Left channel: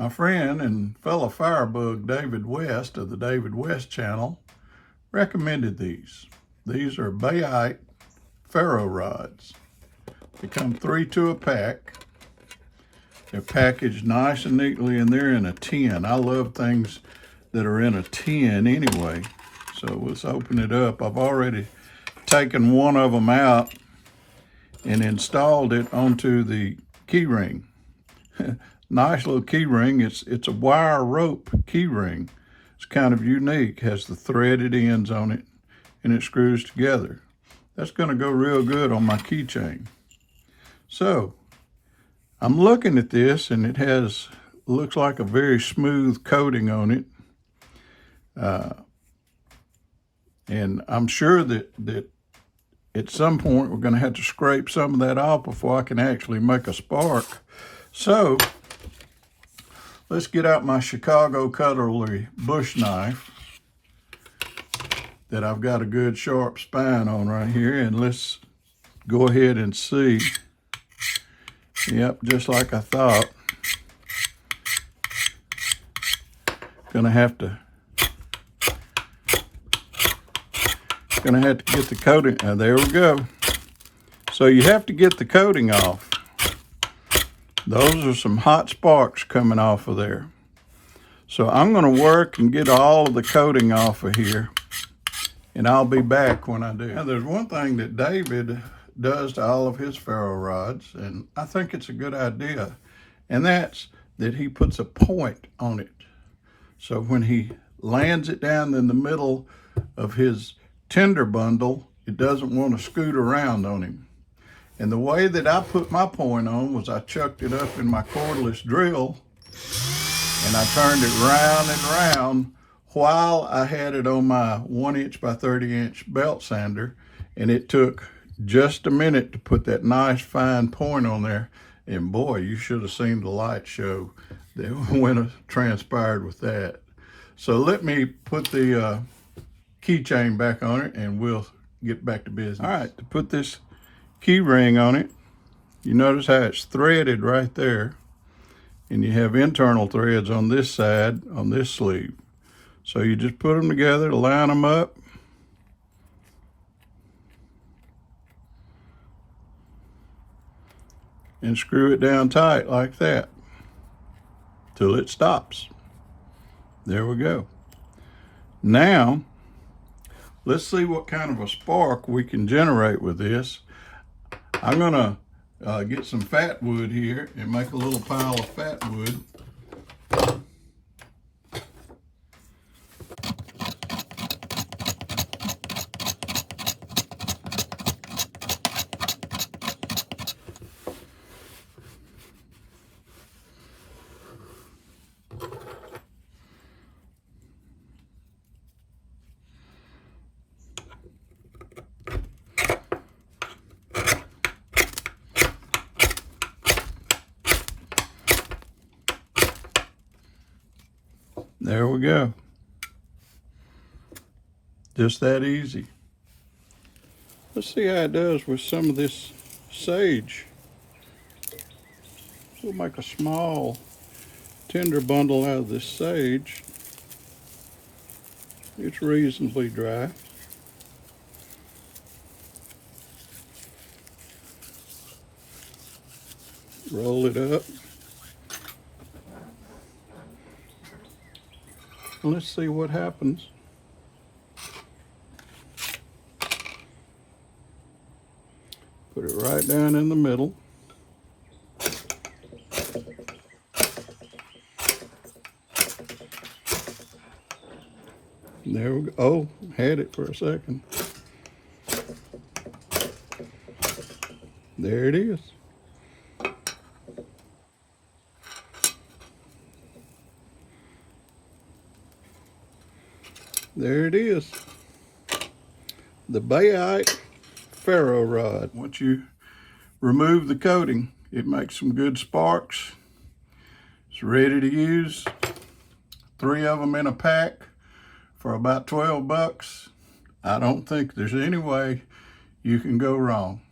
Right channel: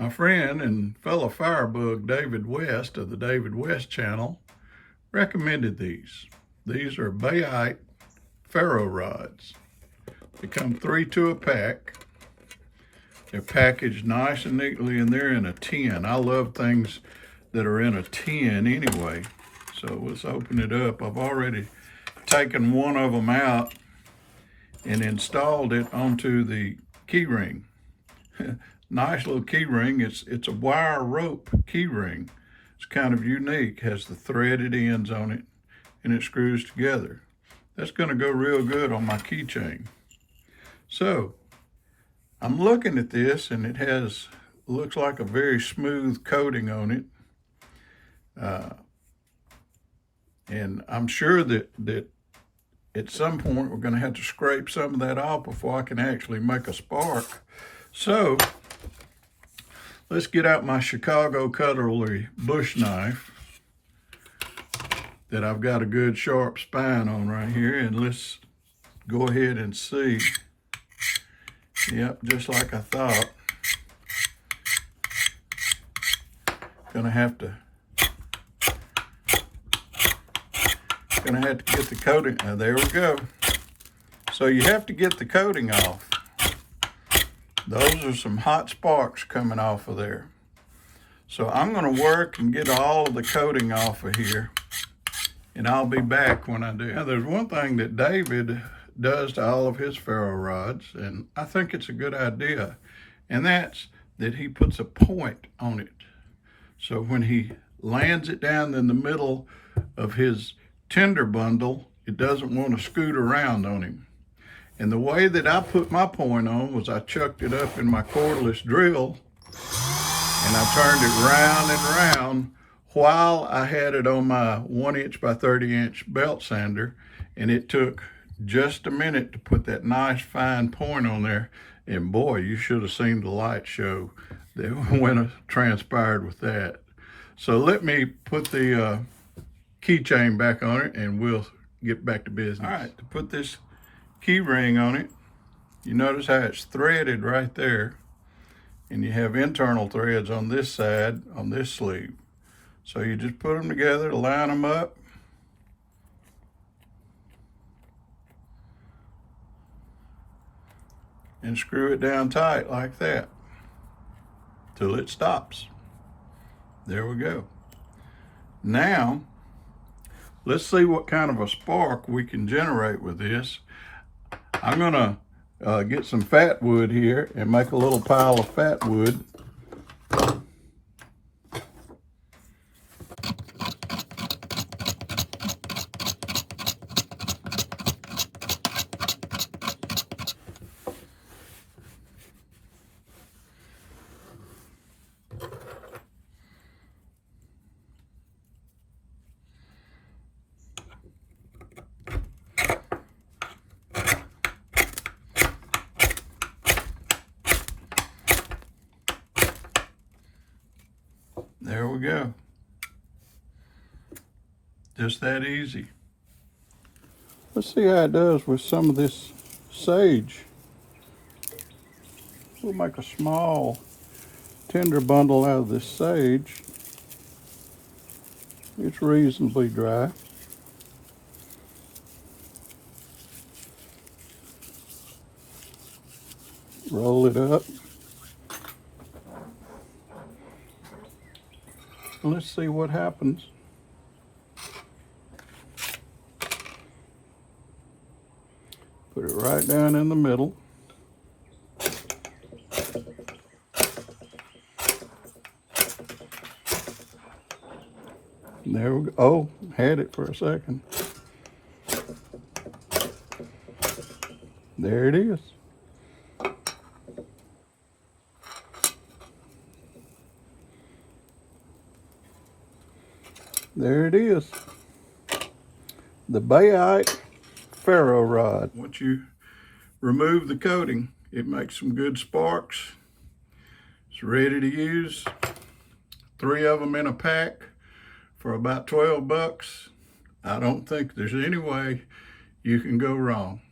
My friend and fellow firebug David West of the David West channel recommended these. These are Bayite Ferro rods. They come 3 to a pack. They're packaged nice and neatly, and they're in a tin. I love things that are in a tin anyway. So let's open it up. I've already taken one of them out and installed it onto the key ring. Nice little key ring. It's a wire rope key ring. It's kind of unique. Has the threaded ends on it, and it screws together. That's going to go real good on my keychain. So I'm looking at this, and it looks like a very smooth coating on it. And I'm sure that at some point we're going to have to scrape some of that off before I can actually make a spark. So let's get out my Chicago cutlery bush knife that I've got a good sharp spine on right here, and let's go ahead and see. Yep, just like I thought. Gonna have to get the coating. There we go. So you have to get the coating off. Those are some hot sparks coming off of there. So I'm going to work and get all of the coating off of here, and I'll be back when I do. Now, there's one thing that David does to all of his ferro rods, and I think it's a good idea, and that's that he puts a point on it. So when he lands it down in the middle of his tinder bundle, it doesn't want to scoot around on him. And the way that I put my point on was I chucked it up in my cordless drill, and I turned it round and round while I had it on my 1" by 30" belt sander, and it took just a minute to put that nice fine point on there. And boy, you should have seen the light show that transpired with that. So let me put the keychain back on it, and we'll get back to business. All right, to put this key ring on it, you notice how it's threaded right there, and you have internal threads on this side, on this sleeve. So you just put them together, line them up, and screw it down tight like that till it stops. There we go. Now let's see what kind of a spark we can generate with this. I'm gonna get some fat wood here and make a little pile of fat wood. There we go. Just that easy. Let's see how it does with some of this sage. We'll make a small tinder bundle out of this sage. It's reasonably dry. Roll it up. Let's see what happens. Put it right down in the middle. There we go. Oh, had it for a second. There it is. There it is. The Bayite Ferro rod. Once you remove the coating, it makes some good sparks. It's ready to use. 3 of them in a pack for about $12. I don't think there's any way you can go wrong.